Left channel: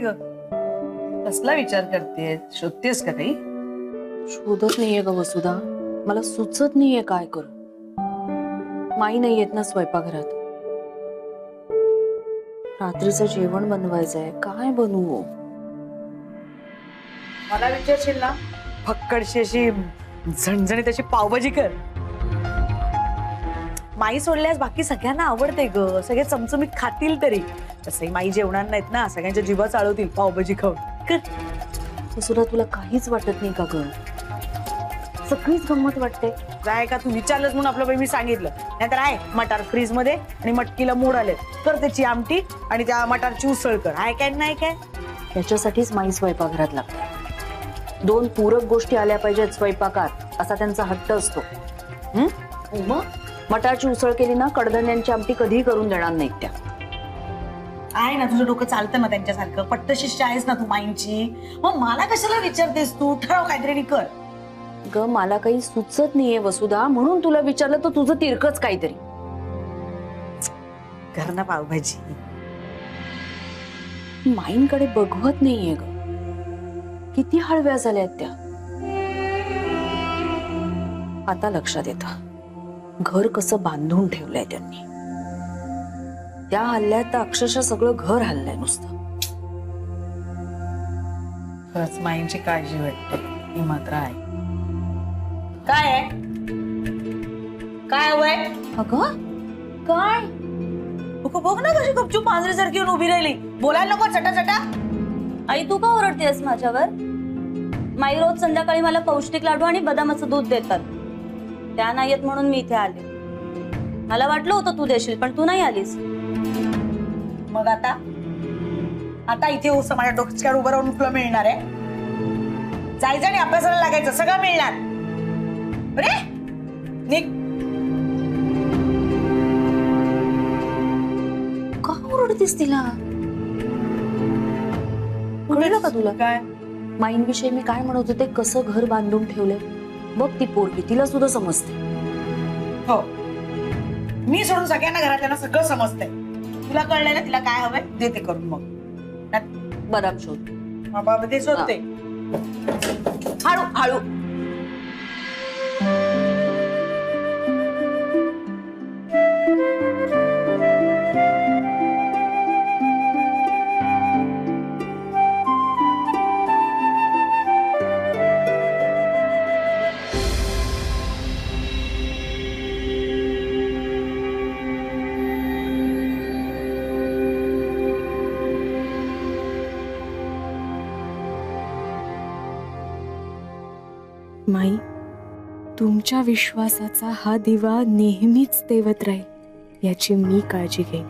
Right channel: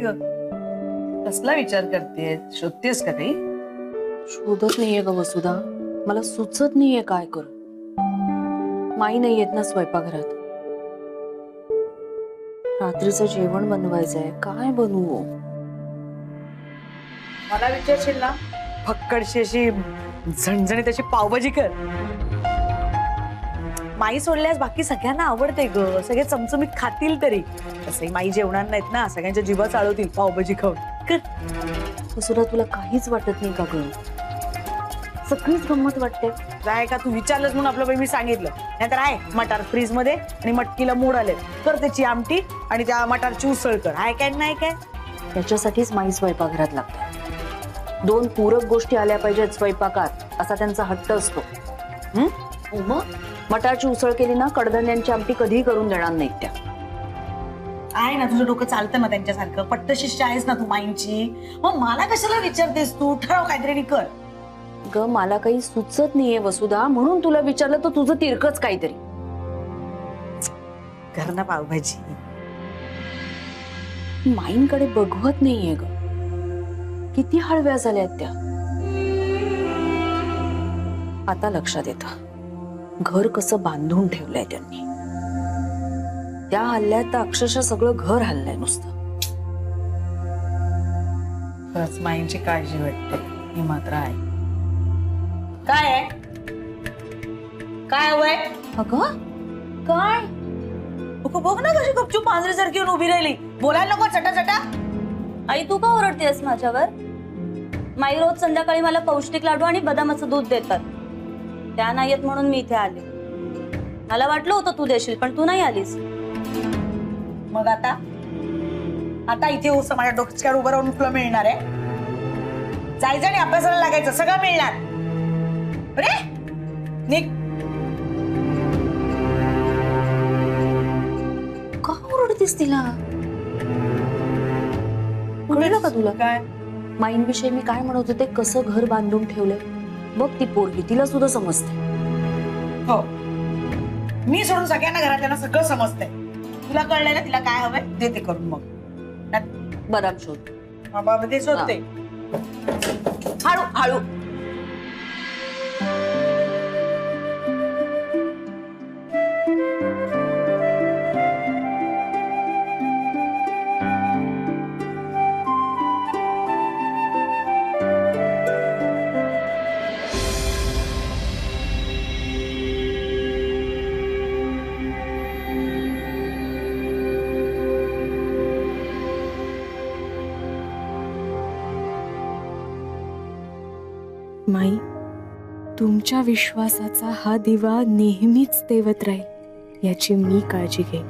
ग? कसला विचार करतेय? शोधतेस का काही? शोधत नाहीये ग वसुधा, मला सुचत नाहीये काय करू. माई नाही येत ना स्वयंपाकघरात. रात्रीचं जेवण बनवायचंय, काय बनवू? मला विचारशील ना, फक्कडशी अशी झणझणीत अशी पावभाजी कर. माई सोडल्यास बाकी सगळ्यांना आवडते ग, सगळे चमचमीत खातील तरी. तसंही माई जेवणार नाहीत ना, सगळ्यांच्या जीवा चालवतील पावभाजी खाऊन. कर. वसुधा तुला काहीच वाटत नाही का ग? सगळीच गंमत वाटते. काय का तू विचारलंस म्हणून आपलं बाई मी सांगितलं. नाहीतर आहे मटार फ्रीज मध्ये आणि मटकीला मोड आले, कर त्याची आमटी आणि त्या मटारची उसळ कर. आहे काय नाही काय? त्याच्यासाठीच माई स्वयंपाकघरात लागते. 2 पूरक गोष्टी आल्या पाहिजेत स्वयंपाकात, असा त्यांचा हट्ट असतो. मग मटारची उसळ केली ना, कडधान्यांची आमटी कधीही करून देणार नाहीत त्या. आहे ना तुझं डोकं चालतं ना त्यांच्यासारखं, पट्टशिष्ट आहेस ना तू माईंची. मग मला कशाला विचारतेस तू? ठरव काहीतरी आणि कर. ग मला काही सुचत नाहीये वसुधा, म्हणून तुला विचारलं. तर तुझं तिरकच काहीतरी कर ना पावभाजी. माईंकडे बघवत नाहीये ग, किती हळव्या झाल्यात त्या. आता लक्षात येतं घर कसं बांधून ठेवलंय त्यांनी. त्या हल्ल्यात तर अक्षरशः सगळं घर हल्लंय नुसतं. खरंच माईंची काळजी वाटते, ही मात्र आहे. काय आहे? काय हवंय? अगं काय? बघ ना कशी गपचूप मांजरीसारखी येऊन उभी राहिली. बोलायला नको चटा चटा. आई तू का ओरडतेस माझ्यावर? माई रोज संध्याकाळी मला पौष्टिक लाडू आणि बदामाचं दूध देतात. त्या नाही येत म्हणून मी इथे आले. मला वाटलं होतं तू देशील, पण तू नाही आलीस. मग आता आता इथे होस माझ्या डोक्यावर उभं राहून तुला मिळणार आहे? जायचं आणि अभ्यासाला लागायचं, सगळं मिळणार. अरे निघ. का ओरडतेस तिला? कळलं का तुला? काय? माईंविषयी मी काय म्हणत होते, कसं घर बांधून ठेवलंय. बघ ती पोरगी, तिला सुद्धा समजते. हो, मी सोडून सगळ्यांना घरातल्यांना सगळं समजतंय. तुला कळलंय ना तिला काय हवंय, देते करून. मग बदाम शोध. बाबा ते शोधते. हळू हळू. माई, तुमच्या विश्वासाचा हा दिवा नेहमीच तेवत राहील याची मी काळजी घेईन.